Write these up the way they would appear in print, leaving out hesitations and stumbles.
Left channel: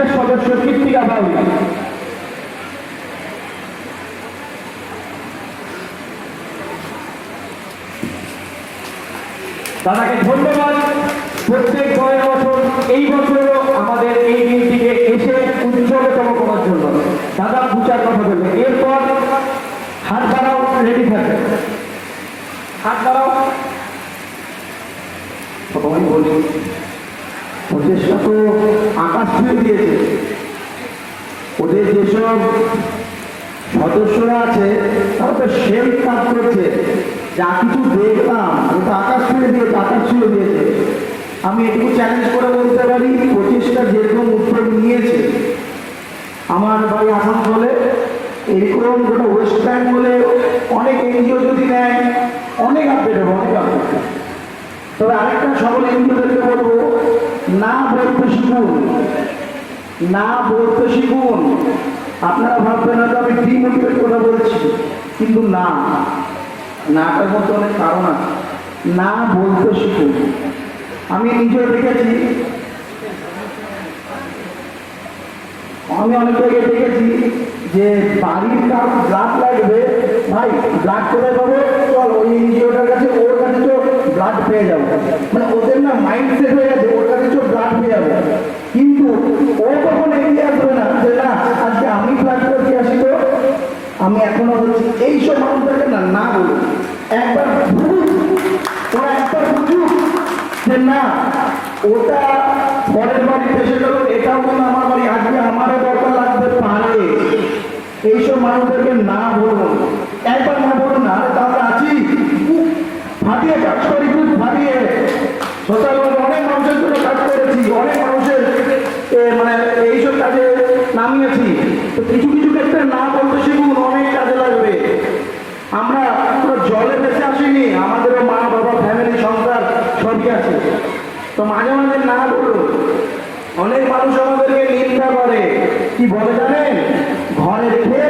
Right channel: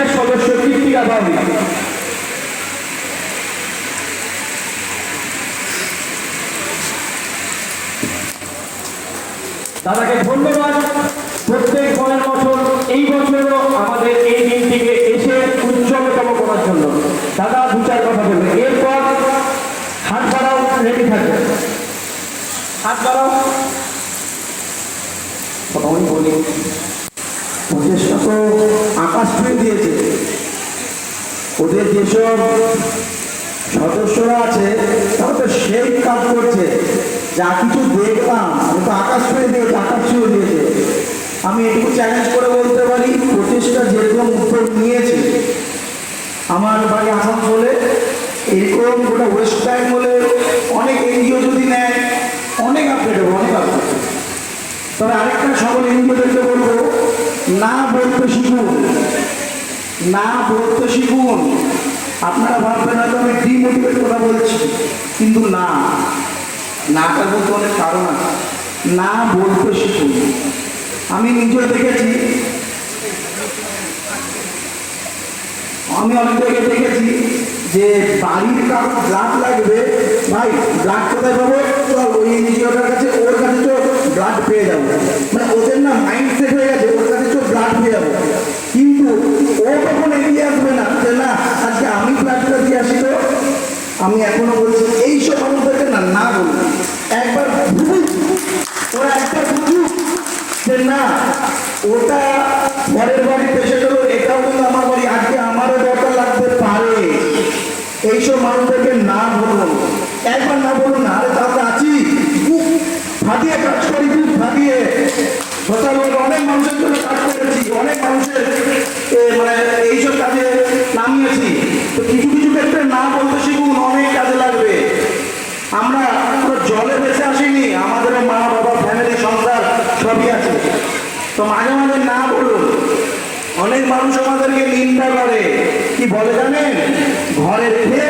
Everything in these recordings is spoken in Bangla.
বিশেষ সদস্য কৃত্তিকা বাউরি। দাদাকে ধন্যবাদ। প্রত্যেক বছর এই বছরও আমাদের এই দিনটিকে এসে উৎসবতম করার জন্য দাদা দু চার কথা বলবে। এরপর হাত বাড়াও, রেডি থাকে, হাত বাড়াও। সবাই বলি প্রচেষ্টা তো আকাশ ছুঁয়ে দিয়েছে। ওদের যেসব সদস্যরা আছে তারা তো সেই কাজ করছে, যা কিছু দেখলাম ও তো আকাশ ছুঁয়ে দিয়েছে, আকাশ ছুঁয়ে দিয়েছে। আমি এটুকু চ্যালেঞ্জ করে বলতে পারি, প্রচেষ্টা যেরকম উত্তর নিয়েছে আমার বাড়ি আসানসোলে, এরকম গোটা ওয়েস্ট বেঙ্গলে অনেক এনজিও যদি নেয় অনেক আপডেট হবে, অনেক আপডেট। তবে আরেকটা সকল এনজিওদেরকে বলবো, না বলতে শিখুন, না বলতে শিখুন। আপনারা ভাববেন না তো আমি ডিমোটিভেট কথা বলছি, কিন্তু নাটার মধ্যে অনেক কারণ আছে। না বলতে শিখুন। আমি নিজে দেখেছি, আমি অনেক জায়গায় দেখেছি যে বাড়ির কারো ব্লাড লাগবে, ভাই ব্লাড কোথায় পাবো, চল ওই এনজিওটার কাছে, ওর কাছে তো ব্লাড পেয়ে যাবো। মানে ওদের না মাইন্ড সেট হয়ে গেছে, ওর কাছে তো ব্লাড পেয়ে যাবো। কিন্তু ও কখন এগিয়ে আসবে না যে না আজকে আমি ব্লাডটা দিয়ে আসি। তো আমি এখনো বলছি এইসব মানুষদেরকে না না বলুন, একবার ভুল ওরা একবার বুঝুক যে না ওটা পরের বাড়ির পেশেন্ট হলো, এটাও কিন্তু আমার বাড়ি, আজকে আমারও দরকার লাগতে পারে। এইসব মানুষদেরকে না বলুন, একবার না বলুন, না তাহলে আছি বুক ফাটিয়ে কাজ করি, বুক ফাটিয়ে অনেক মানুষের জন্য কাজ করেছি, অনেক মানুষের মানে এইসব কাজে নামিয়েছি। তো কিছু কিছু ক্ষেত্রে না বলতে শিখুন, অনেক কাজে লাগবে। আমরা জলে বেঁচে আসিনি, আমাদের মা বাবা ফ্যামিলি সংসার সবই আছে। তো মাঝে মাঝে না বলুন। অনেক মানুষ আমাদেরকে নিন্দা করে, কি বলে জানেন, ঘরে রেখে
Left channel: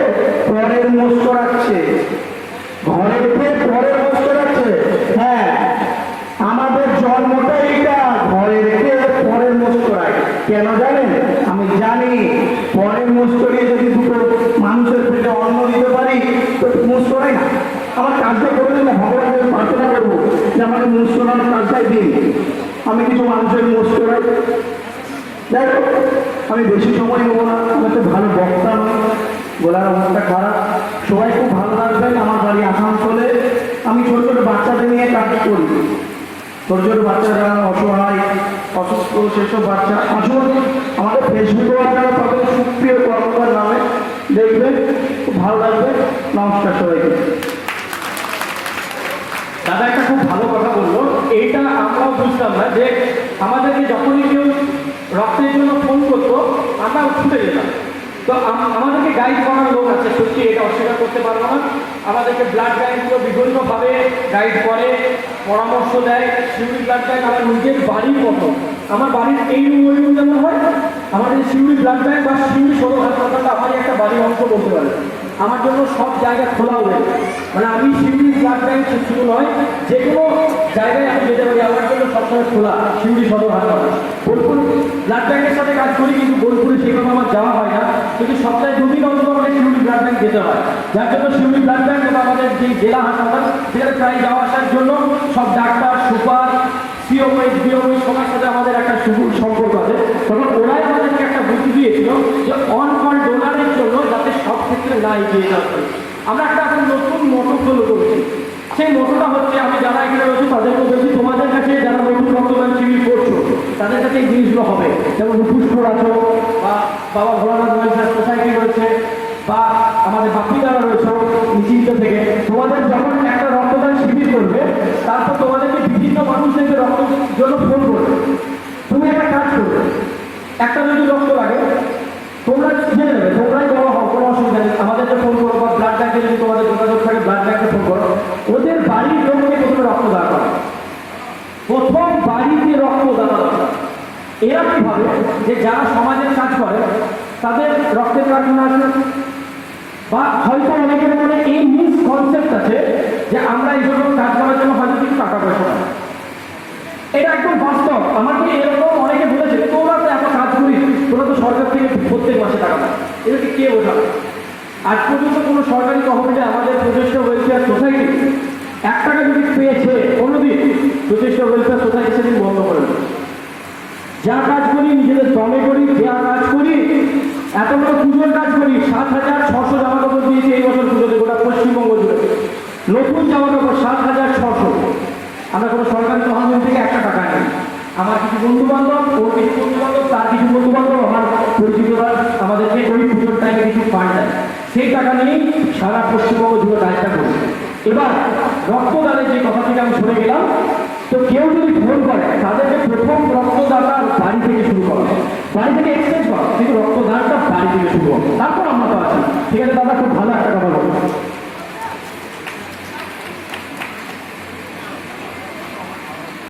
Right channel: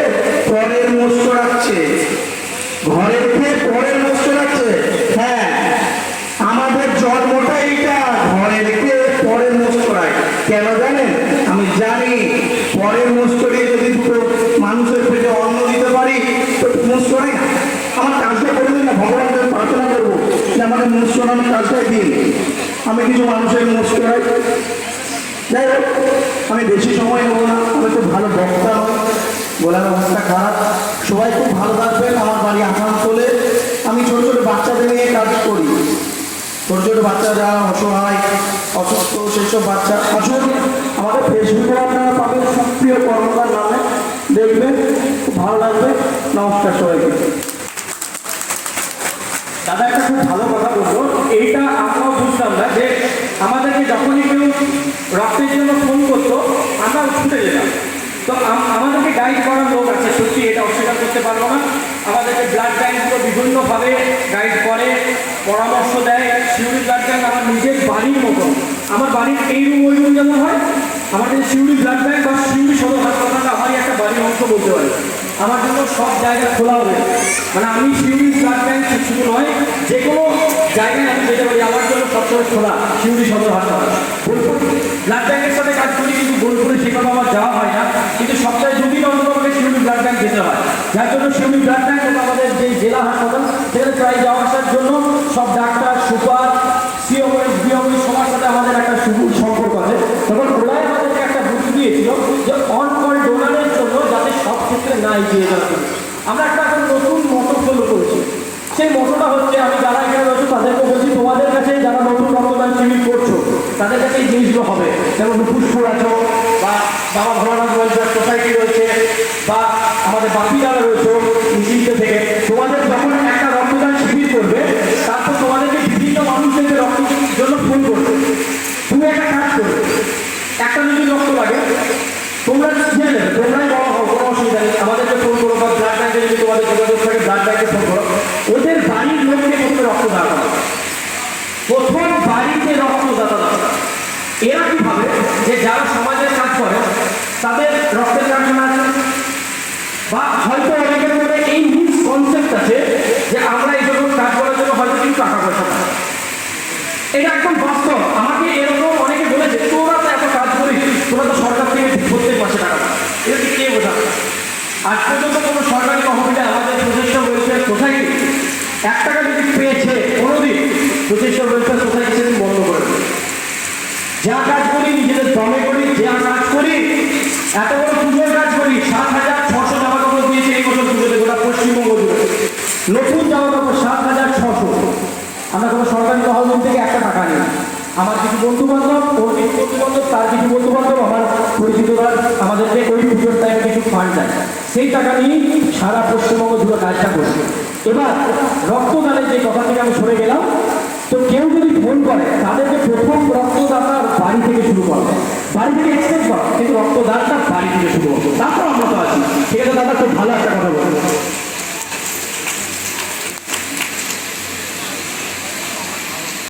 পরের মোষ করাচ্ছে, ঘরে রেখে পরের মোষ করাচ্ছে। হ্যাঁ, আমাদের জন্মটাই এটা, ঘরে রেখে পরের মোষ করায়। কেন জানেন? আমি জানি পরের মোষ করিয়ে যদি দুটো মানুষের পেটে অন্ন দিতে পারি তো মোষ করাই না। আমার কাজটা করে দিন, ভগবানকে প্রার্থনা করবো যে আমাকে মোষ করানোর কাজটাই দিন, আমি কিছু মানুষের মোষ করাই। যাই হোক, আমি বেশি সময় নেবো না, আমি তো ভালো বক্তা, গলার অবস্থা খারাপ। সবাই খুব ভালো থাকবেন। আমার বাড়ি আসানসোলে, আমি ছোটো ছোটো বাচ্চাদের নিয়ে কাজ করি। ছোটো ছোটো বাচ্চা যারা অসহায় অসুস্থ সেসব বাচ্চা আসুন, আমাদের ফেসবুকে আপনারা পাবেন সুপ্রিয় কর্মকার নামে, দেখবেন খুব ভালো লাগবে। নমস্কার সবাইকে। দাদা একটা খুব ভালো কথা বললো, এইটা আমরাও বুঝতাম না যে আমাদেরকে যখনই কেউ রক্তের জন্য ফোন করতো আমরা ছুটে যেতাম। তো আমাদেরকে গাইড করার লোক আছে, সত্যি এটা অস্বীকার করতে পারবো না। আমাদেরকে ব্লাড ব্যাঙ্কগুলো বিভিন্নভাবে গাইড করে, পরামর্শ দেয়। শিউরি ব্লাড ব্যাঙ্ক আমার নিজের বাড়ির মতো, আমার বাড়ির এই রুম ওই রুম যেন হয়, আমাদের শিউরি ব্লাড ব্যাঙ্ক বা শিউরি সদর হাসপাতাল আমারই একটা বাড়ির অংশ বলতে পারে। আমার জন্য সব জায়গায় খোলা হবে, মানে আমি শিউরি ব্লাড ব্যাঙ্ক শুধু নয়, যে কোনো জায়গায় আমি যেতে পারি, আমার জন্য সবসময় খোলা শিউরি সদর হাসপাতাল। বোলপুর ব্লাড ব্যাঙ্কের সাথে কাজ করি, কিন্তু বোলপুরে সেভাবে আমার যাওয়া হয় না, কিন্তু সপ্তাহে দুদিন অন্তত আমাকে শিউরি ব্লাড ব্যাঙ্ক যেতে হয়। যার জন্য শিউরি ব্লাড ব্যাঙ্ক এবং আমাদের যে জেলা হাসপাতাল সেখানে চাই যাওয়া আসার জন্য সব ডাক্তার সুপার সিওএস বিওএস সবার সাথে আমাদের একটা সুদূর সম্পর্ক আছে। তখন ওরাই আমাদেরকে একটা বুদ্ধি দিয়েছিল যে অন কল ডোনারের জন্য যাতে সব ক্ষেত্রে না এগিয়ে যাবে। আমরা একটা এখন নতুন মতো ফলো করছি, সেই মতোটা হচ্ছে আমি যারা এখানে রয়েছে তাদেরকে বলছি, তোমাদের কাছে যারা নতুন রক্তদান শিবির করছো তাদের কাছে এই জিনিসগুলো হবে, যেমন পুষ্পর আছে বা বাবা ভোলানাথ ওয়েলফেয়ার সোসাইটি রয়েছে বা আমাদের বাকি যারা রয়েছে নিশ্চিত থেকে, তোমাদের যখন একটা রক্তদান শিবির করবে তারপর তোমাদেরকে বিভিন্ন মানুষদেরকে রক্তের জন্য ফোন করবে। তুমি একটা কাজ করবে, একটা যদি রক্ত লাগে তোমরা জেনে নেবে, তোমরাই বড় হও, কোনো অসুবিধা নেই, আমাদেরকে ফোন করো বা ব্লাড ব্যাঙ্কে যদি তোমাদের যোগাযোগ থাকে ব্লাড ব্যাঙ্কে ফোন করো। ওদের বাড়ির লোককে করতে রক্তদান করো, প্রথম বাড়িতে রক্তদাতা। এরা কি ভাবে যে যারা সমাজের কাজ করে তাদের রক্তের কারখানা আছে, বা হয়তো অনেকের মধ্যে এই মিস কনসেপ্ট আছে যে আমরা এই জন্য কাজ করার জন্য হয়তো কিছু টাকা পয়সা না। এটা একদম বাস্তব। আমাকে এরকম অনেকে বলেছে তোমরা তো এত কাজ করিস, তোমরা তো সরকার থেকে যা কাজ করি নিজেদের দমে করি, যা কাজ করি এত বড় পুজোর কাজ করি, 7,600 জামা কাপড় দিয়েছে এই বছর পুজোতে গোটা পশ্চিমবঙ্গ জুড়ে। নতুন জামা কাপড় 7,600। আমরা কোনো সরকারি তহবিল থেকে একটা টাকা নিই। আমার কিছু বন্ধু বান্ধব, ওর কিছু বন্ধু বান্ধব, তার কিছু বন্ধু বান্ধব, আমার পরিচিতরা আমাদেরকে ওই পুজোর টাইমে কিছু ফান্ড দেয়। সেই টাকা নিয়েই সারা পশ্চিমবঙ্গ জুড়ে কাজটা করি। এবার রক্তদানের যে কথাটি আমি শুনে গেলাম, তো কেউ